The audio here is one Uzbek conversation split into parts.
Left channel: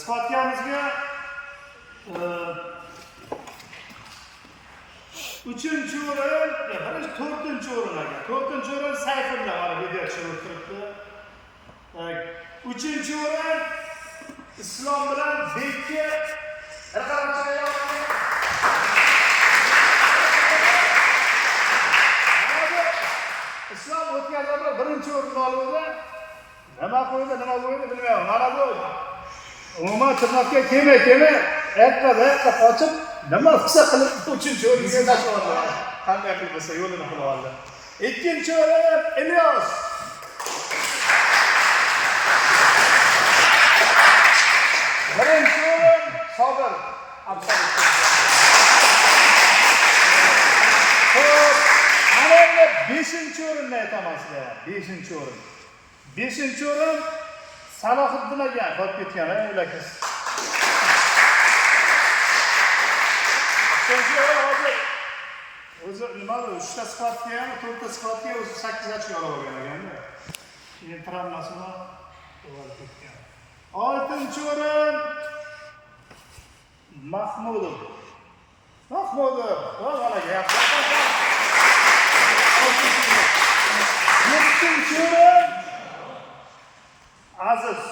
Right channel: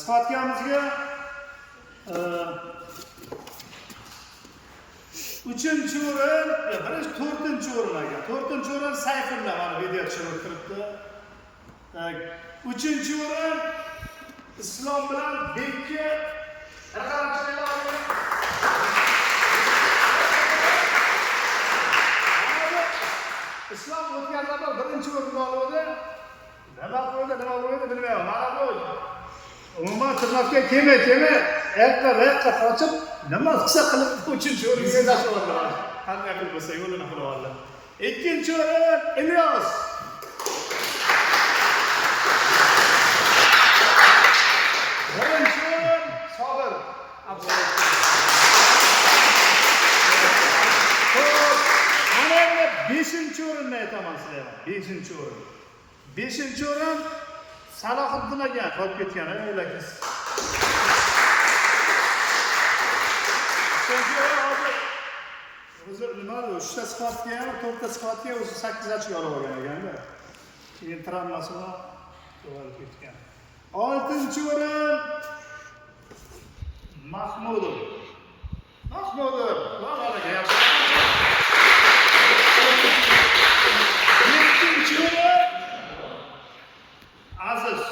Sifatkamizga 3-chi o'rin, birinchi 4-chi o'rin ekan. 4-chi o'rin Sayfulla mana video tushirib turibdi. 3-chi o'rin Islom bilan Bekki Islom o'tkazlarda birinchi o'rin oldi. Nima qo'ydi, nima qo'ydi bilmayman. Mana bu umuman turmakka kelmay, erta qochib, nima qilsa qilib 3-chi o'ringa tashlab oldi. Qanday qilib bo'lsa yo'lini qilib oldi. 2-chi o'rin Ilyos. 1-chi o'rin Sobir. Mana 5-chi o'rinni aytaman sizga. 5-chi o'rin. 5-chi o'rin Salohiddin aka qolib ketgan, ularkiz. O'zi nima, 3ta sifatga ham, 4ta sifatga o'zi 8 ochko olib olgan ekanda. Keyin travmasi bilan qolib ketgan. 6-chi o'rin Mahmudov. Va'laga yaxshi. 7-chi o'rin Aziz.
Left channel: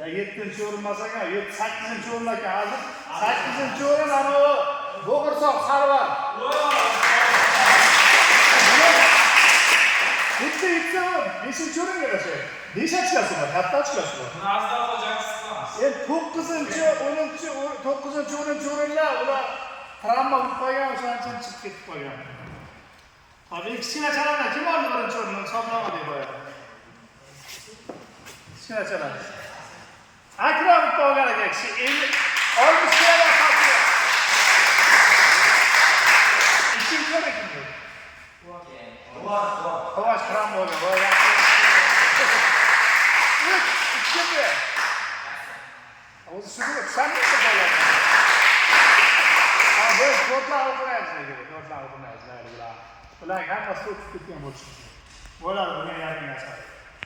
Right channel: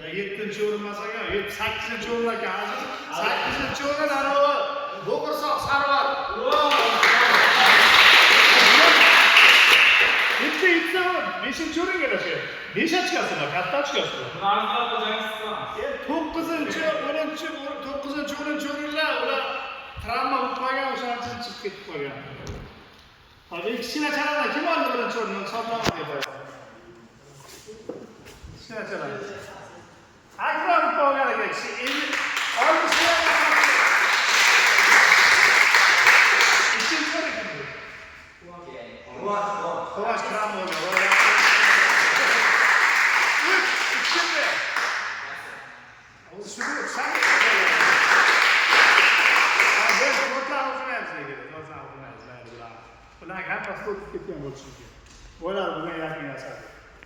7-chi o'rin emas ekan, 8-chi o'rin ekan Aziz. 8-chi o'rin anavi Bo'g'irsoq Sarvar. Xuddi 5-chi o'ringa tashladi. 5 ochkasi, katta ochkasi. Birazdan xo'jalik qilamiz. 9-chi, 10-chi, 9-chi, 10-chi o'rinlar ular travma bo'lib qolgan, o'shaning uchun chiqib ketib qolgan. Hozir kichkina chalani kim oldi birinchi o'rinni hisoblama deb qo'yadi. Kichkina chalani. Akram qolgan ekan kishi. Endi 60 ga qoldi. Ikkinchi o'rin kimdi? Xo'sh, Akram bo'ldi. Ikkinchi. O'zi shuni sanab qoladi. Ular hammasi o'tib ketgan bo'lishdi. Ular buni yakunlashadi.